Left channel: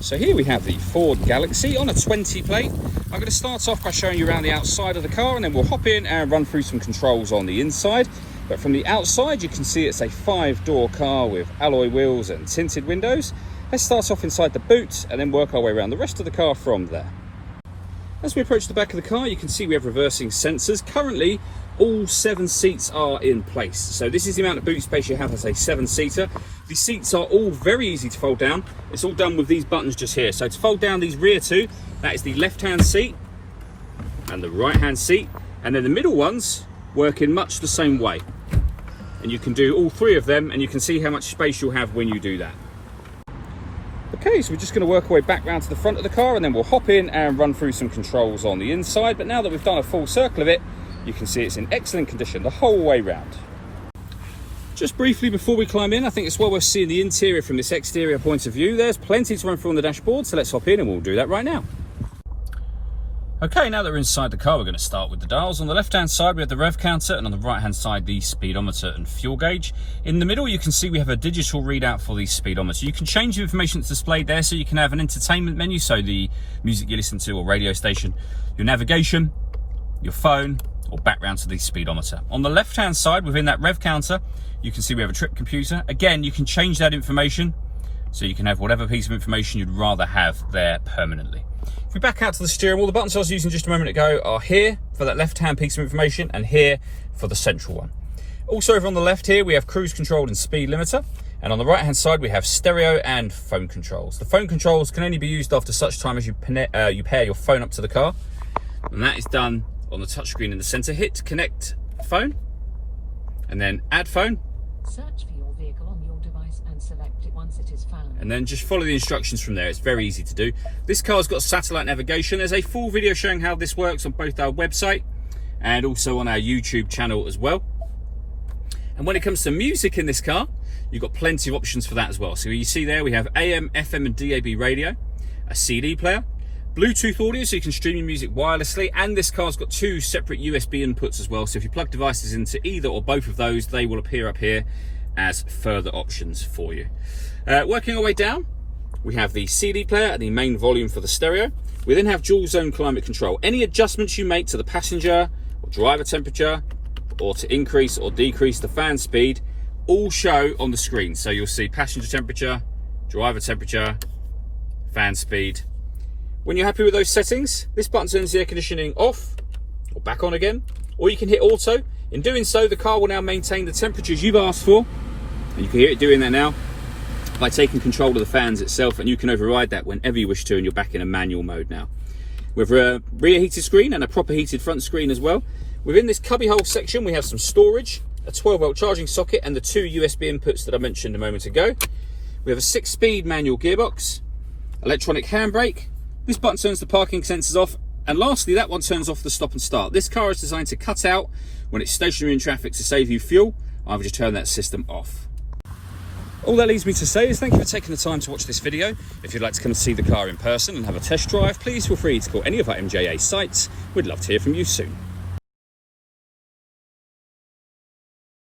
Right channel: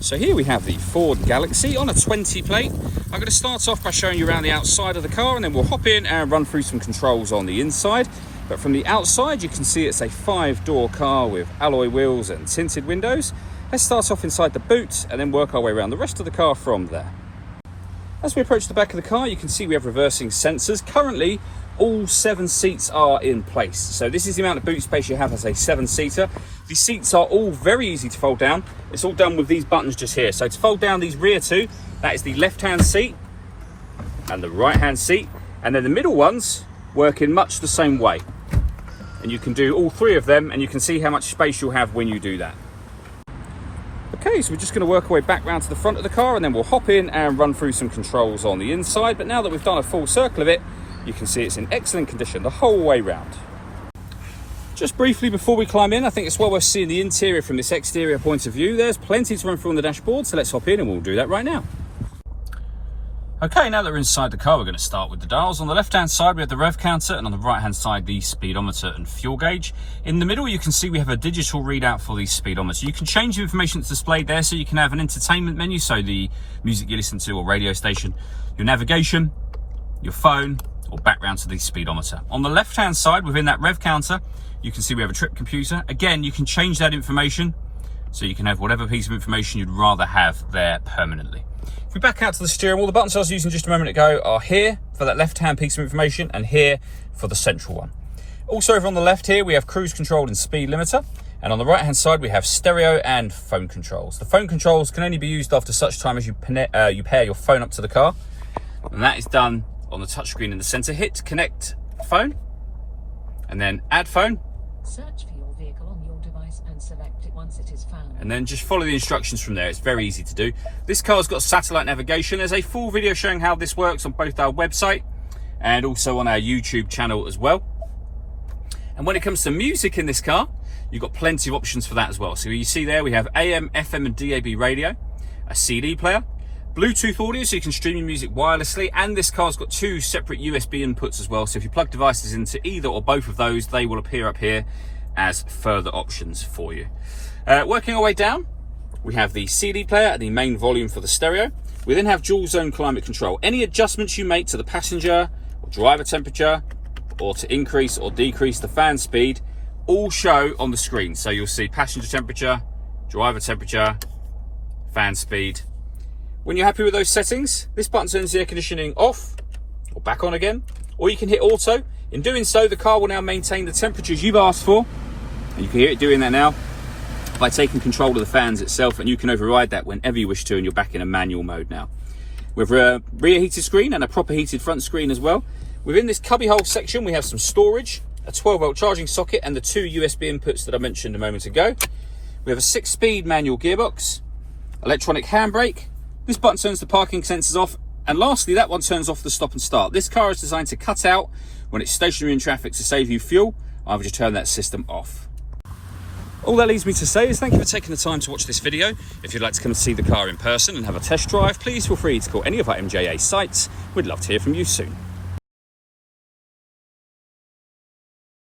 So here we have the Ford Galaxy on a 20 plate. I'm going to start off by showing you around the outside of the car, and then we'll hop in and run through some controls on the inside. But from the outside you can see it's a 5-door car with alloy wheels and tinted windows. Let's start off inside the boot and then work our way around the rest of the car from there. As we approach the back of the car, you can see we have reversing sensors. Currently, all 7 seats are in place. So this is the amount of boot space you have as a 7-seater. The seats are all very easy to fold down. It's all done with these buttons just here. So to fold down these rear two, that is the left-hand seat and the right-hand seat. And then the middle ones work in much the same way. And you can do all 3 of them, and you can see how much space you'll have when you do that. Okay, so we're just going to work our way back round to the front of the car, and then we'll hop in and run through some controls on the inside. But now that we've done a full circle of it, you can see it's in excellent condition the whole way round. Just briefly before we climb in, I think it's well worth seeing the interior from this exterior point of view. There's plenty to run through on the dashboard, so let's hop in and we'll do that right now. Okay, now that we're inside the car, we're going to start with the dials. On the left-hand side, we have the rev counter, and on the right-hand side, the speedometer and fuel gauge. In the middle, you can see we have a digital readout for the speedometer. You can change the information that's displayed there, so you can have an entertainment menu, so the music you listen to or radio station, your navigation, your phone, or back round to the speedometer. On the left-hand side, within that rev counter, you can see we have a trip computer. Again, you can change that information, so you can have whatever piece of information you'd rather have there permanently. If we back out to the steering wheel, the buttons I was using just a moment ago are here for that left-hand piece of information and here for the central one. Also over on the left here, we have cruise control and speed limiter. And on the right-hand side, we have stereo and phone controls. The phone controls can only be used after such time as you pair your phone up to the car. And that is done on the touchscreen in the center. Hit connect phone and then add phone. Search for your vehicle on your device and select it once it is found. And then just follow the instructions from there. It's very easy to do. This car's got satellite navigation. There's a full video showing how this works on both our website and also on our YouTube channel as well. And when it comes to music in this car, you've got plenty of options for that as well. So you see there, we have AM, FM and DAB radio, a CD player, Bluetooth audio, so you can stream your music wirelessly, and this car's got 2 separate USB inputs as well. So if you plug devices into either or both of those, they will appear up here as further options for you. Working our way down, we have the CD player and the main volume for the stereo. We then have dual zone climate control. Any adjustments you make to the passenger or driver temperature, or to increase or decrease the fan speed, all show on the screen. So you'll see passenger temperature, driver temperature, fan speed. When you're happy with those settings, this button turns the air conditioning off or back on again, or you can hit auto. In doing so, the car will now maintain the temperatures you've asked for, and you can hear it doing that now by taking control of the fans itself, and you can override that whenever you wish to, and you're back in a manual mode now. With a rear heated screen and a proper heated front screen as well. Within this cubbyhole section, we have some storage, a 12-volt charging socket, and the 2 USB inputs that I mentioned a moment ago. We have a 6-speed manual gearbox, electronic handbrake. This button turns the parking sensors off, and lastly, that one turns off the stop and start. This car is designed to cut out when it's stationary in traffic to save you fuel. I've just turned that system off. All that leaves me to say is thank you for taking the time to watch this video. If you'd like to come and see the car in person and have a test drive, please feel free to call any of our MJA sites. We'd love to hear from you soon.